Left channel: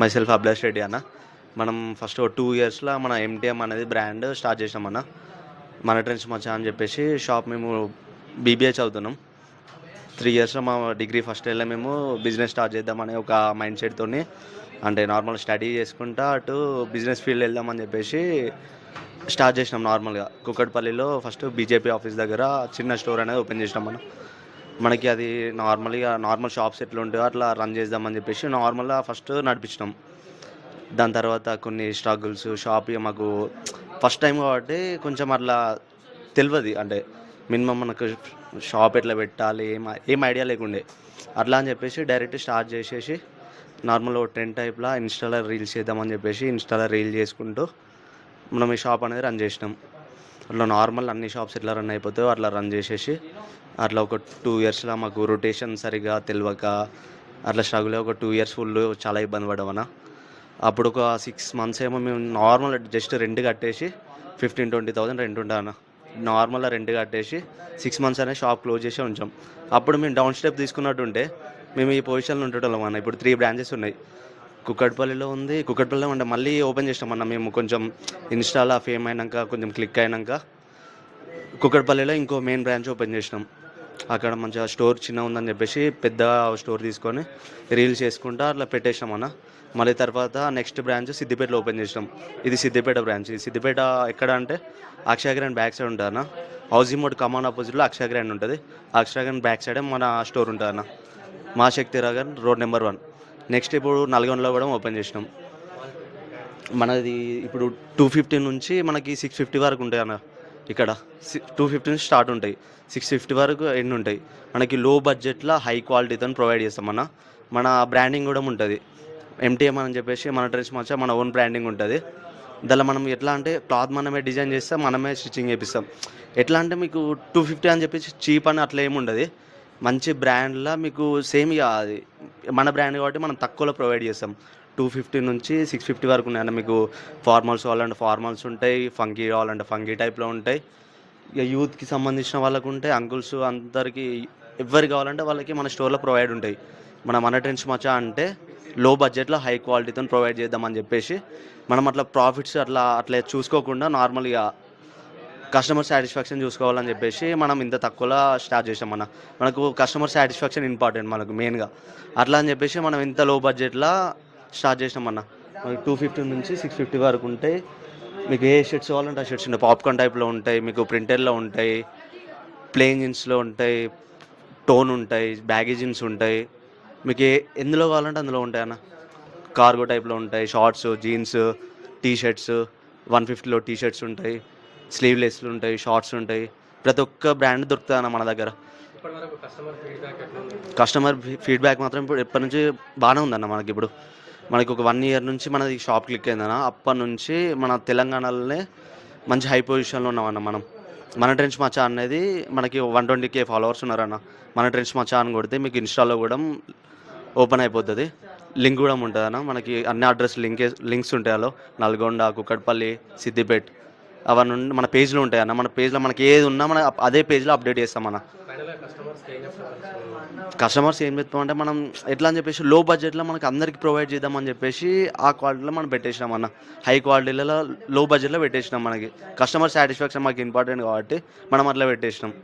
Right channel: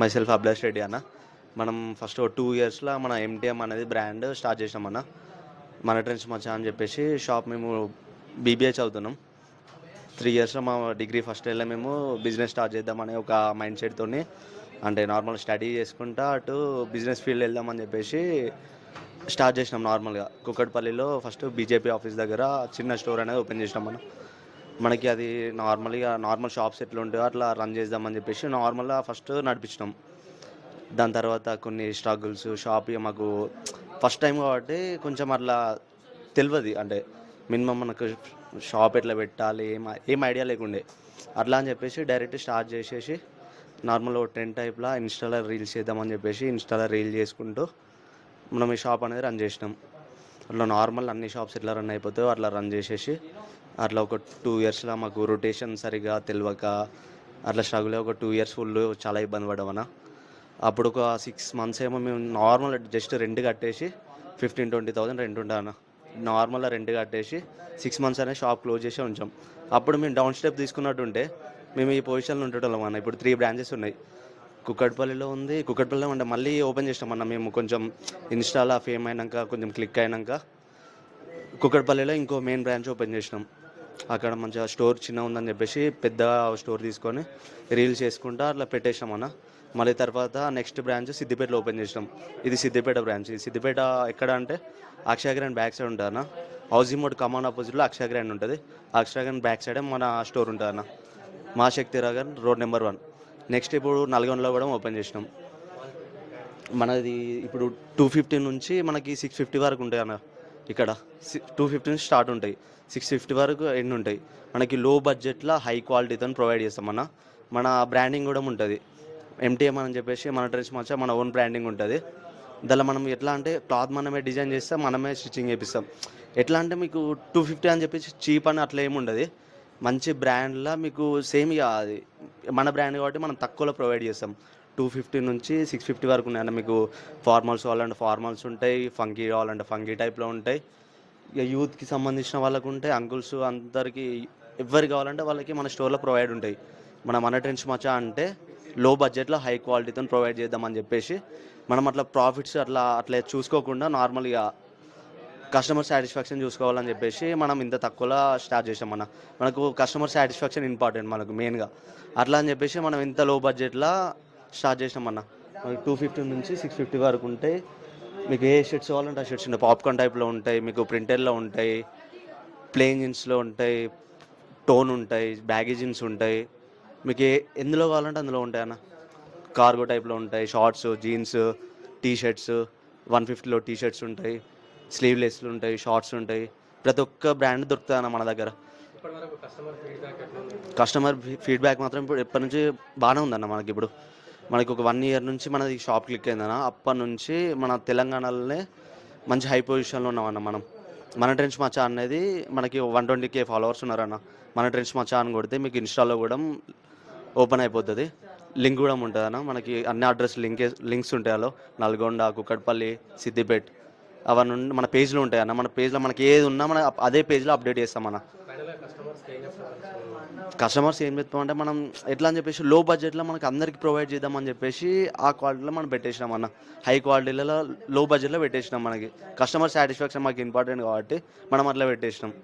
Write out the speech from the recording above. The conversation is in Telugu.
మైసెల్ఫ్ అభిలాష్ రెడ్డి అన్న. మనం ఫస్ట్ టూ ఇయర్స్లో మన ఎంటీఎం అనేది బ్రాండ్ స్టార్ట్ చేసాం అన్న. మన ట్రెండ్స్ మచ్చా అని చెప్పేసి షాప్ మేము బీబీఏ చదువుతున్నాం. త్రీ ఇయర్స్లో మా డిగ్రీ ఫస్ట్ ఇయర్లో మేము బిజినెస్ స్టార్ట్ చేద్దామనే ఒక మైండ్ సెట్తోని అంటే నార్మల్ స్టడీ చేసుకుంటా అటు బిజినెస్ ఫీల్డ్ వెళ్దామని చెప్పేసి స్టార్ట్ చేసినాం నార్మల్గా కుక్కట్పల్లిలో ఫస్ట్ బీజేపీ ఆఫీస్ దగ్గర చిన్న స్టోర్ అనేది ఓపెన్ చేసినాం మనం మనకి అది నార్మల్గా నార్మల్ షాప్స్ ఎట్లా ఉంటాయో అట్లా రన్ చేద్దామని చెప్పేసి నార్మల్గా ఫస్ట్ నడిపించినాం. దాని తర్వాత కొన్ని స్ట్రగుల్స్ షాప్ ఇక మాకు ఫస్ట్ టైం కాబట్టి కొంచెం అట్లా తెలియదు అంటే మినిమం మనకు షాప్ ఎట్లా పెట్టాలి ఏం ఏం ఐడియా లేకుండే. అట్లా అని చెప్పేసి డైరెక్ట్ స్టార్ట్ చేసేసి నార్మల్ టెన్ టైప్లో ఇన్స్టాలో రీల్స్ చేద్దామని చెప్పేసి ఇన్స్టాలో రీల్ చేసుకుంటూ మనం ఈ షాప్ అనేది రన్ చేసినాం. అట్లా నార్మల్ అన్ని షాప్స్ ఎట్లా రన్ అయిపోతాయో అట్లా రన్ చేసేసి అట్లా ఒక టూ ఇయర్స్లో మాకు రొటేషన్ సరిగా తెలియక అట్లా స్ట్రగుల్ ఒక టూ ఇయర్స్ ఫుల్ చాలా ఇబ్బంది పడమన్నా అప్పుడు ఒక సిక్స్ మంత్స్ ఏమో మేము నార్మల్ జస్ట్ రెంట్ కట్టేసి ఫిఫ్టీన్ ట్వంటీ థౌసండ్ రెంట్ ఉంటాను నార్మల్గా రెంట్ కట్టేసి సిక్స్ మంత్స్ అనే షాప్ క్లోజ్ చేసి ఉంచాం. అప్పుడు మేము డౌన్ స్టెప్ తీసుకున్నట్టుంటే మేము ఈ పొజిషన్లో ఉండేటోళ్ళం అన్న. ఇప్పుడు త్రీ బ్రాంచెస్ ఉన్నాయి. కుక్కట్పల్లిలో ఉంది. కుక్కట్పల్లిలో అంటే మళ్ళీ ఓపెన్ చేసినాం అన్న. మేము కొంచెం ఇన్స్టాలో ఫేమ్ అయినాక కొంచెం క్లిక్ అయినాక కుక్కట్పల్లిలో ఇంకో మెయిన్ బ్రాంచ్ ఓపెన్ చేసినాం. అక్కడ మంచిగా స్టోర్ చిన్న ఉందని చెప్పేసి పెద్ద స్టోర్ తీసుకొని రీల్స్ చేసుకుంటా అట్లా పెట్టేసినాం అన్న. మళ్ళీ తర్వాత నెక్స్ట్ బ్రాంచ్ సిద్దిపేటలో ఓపెన్ చేసినాం. ఇది సిద్దిపేట బ్రాంచ్. ఇది సిద్దిపేట ఎక్కడ అంటే అక్షయగ్రాండ్ బ్యాక్ సైడ్ ఉంటుంది అన్న. హౌసింగ్ మోడ్ కమాన్ ఆపోజిట్లో అక్షయగ్రాండ్ ఉంటుంది. అక్షయగ్రాండ్ బ్యాక్ సైడే మన స్టోర్ ఉంటుంది అన్న. మా Shakti Nagar road number one. Next ఇప్పుడు నల్గొండలో కూడా ఓపెన్ చేసినాం. మనది ఇప్పుడు టూ ఫిఫ్టీ నుంచి మనకి సిక్స్ ఫిఫ్టీ వరకు ఉంటాయి అన్న. ఇక్కడ టూ ఫిఫ్టీ నుంచి స్టార్ట్ ఉంటాయి. సిక్స్ ఫిఫ్టీ వరకు ఎండ్ ఉంటాయి. మనకి లో బడ్జెట్లో హై క్వాలిటీతో ప్రొవైడ్ చేస్తాం. మన మన బ్రాండింగ్ కూడా ఉంటుంది. ఎంటీఎం అని చెప్పేసి మన డ్రెస్ మచ్చ మన ఓన్ బ్రాండింగ్ ఉంటుంది. దానిలో మనం ఎట్లా అంటే క్లాత్ మనమే డిజైన్ చేస్తాం మనమే స్టిచ్చింగ్ చేపిస్తాం. ఎట్లా అంటే మీకు టూ ఫిఫ్టీ అని చెప్పేసి చీప్ అని అట్లా ఏమి ఉండదు మంచి బ్రాండ్లో మీకు సేమ్ ఇక అది మన బ్రాండ్ కాబట్టి మనం తక్కువలో ప్రొవైడ్ చేస్తాం. టూ ఫిఫ్టీ నుంచి సిక్స్ ఫిఫ్టీ వరకు ఉన్నాయి మీకు ఫార్మల్స్ కావాలంటే ఫార్మల్స్ ఉంటాయి ఫంకీ కావాలంటే ఫంగీ టైప్లో ఉంటాయి. ఇక యూత్కి సంబంధించిన వాళ్ళకు ఉంటాయి అంకుల్స్ అందరికీ ఎవరు కావాలంటే వాళ్ళకి మన స్టోర్లో ప్రొవైడ్ ఉంటాయి. మన మన ట్రెండ్స్ మచా అంటే లో బడ్జెట్లో హై క్వాలిటీతో ప్రొవైడ్ చేద్దామని చెప్పేసి మనం అట్లా ప్రాఫిట్స్ అట్లా అట్లా చూసుకోకుండా నార్మల్గా కస్టమర్ సాటిస్ఫాక్షన్ చూసుకోవాలని చెప్పేసి మనం ఇంత తక్కువలో స్టార్ట్ చేసాం మన మనకు కస్టమర్ సాటిస్ఫాక్షన్ ఇంపార్టెంట్ మనకు మెయిన్గా అట్లా అని చెప్పేసి మనం ఇంత లో బడ్జెట్లో స్టార్ట్ చేసినాం అన్న. మనకి టూ ఫిఫ్టీ నుంచి సిక్స్ ఫిఫ్టీ వరకు ఉంటాయి మీకు ఏ షర్ట్స్ కావాలంటే ఆ షర్ట్స్ ఉంటాయి. పాప్కార్న్ టైప్లో ఉంటాయి మీకు ప్రింటెడ్లో ఉంటాయి ప్లేన్ జీన్స్లో ఉంటాయి టోన్ ఉంటాయి బ్యాగీ జీన్స్ ఉంటాయి. మీకు ఏ ఎందులో కావాలంటే అందులో ఉంటాయి అన్న. కార్గో టైప్లో ఉంటాయి shorts jeans T shirts one ఫిఫ్టీలో టీ షర్ట్స్ ఉంటాయి. స్లీవ్లెస్లు ఉంటాయి షార్ట్స్ ఉంటాయి. ప్రతి ఒక్క బ్రాండ్ దొరుకుతుంది అన్న మన దగ్గర. కస్టమర్ ఫీడ్బ్యాక్ మాత్రం ఇప్పుడు ఎప్పటి నుంచి బాగానే ఉందన్న మనకి ఇప్పుడు. మనకి ఒక వన్ ఇయర్ నుంచి మనది షాప్ క్లిక్ అయిందన్న. అప్పటి నుంచి మన తెలంగాణలోనే మంచి హై పొజిషన్లో ఉన్నామన్న మనం. మన ట్రెండ్స్ మచా అనేది మనకి వన్ ట్వంటీ కే ఫాలోవర్స్ ఉన్నారన్న. మన ట్రెండ్స్ మచా అని కొడితే మీకు ఇన్స్టాలో కూడా ఓపెన్ అయిపోతుంది. లింక్ కూడా ఉంటుంది అన్న మనకి అన్ని అడ్రస్ లింక్ లింక్స్ ఉంటాయి అలో నల్గొండ కుక్కడ్పల్లి సిద్దిపేట్. అవన్నీ మన పేజ్లో ఉంటాయి అన్న. మన పేజ్లో మనకి ఏది ఉన్నా మన అదే పేజ్లో అప్డేట్ చేస్తాం అన్న. కస్టమర్స్ ఏం కస్టమర్స్ ఏం చెప్తాం అంటే మనం ఎట్లా అని చెప్పేసి లో బడ్జెట్లో మనకి అందరికి ప్రొవైడ్ చేద్దామని చెప్పేసి ఆ క్వాలిటీలో మనం పెట్టేసినాం అన్న. హై క్వాలిటీలలో లో బడ్జెట్లో పెట్టేసినాం మనకి. కస్టమర్ సాటిస్ఫాక్షన్ మాకు ఇంపార్టెంట్ కాబట్టి మనం అట్లా పెట్టేసినాం.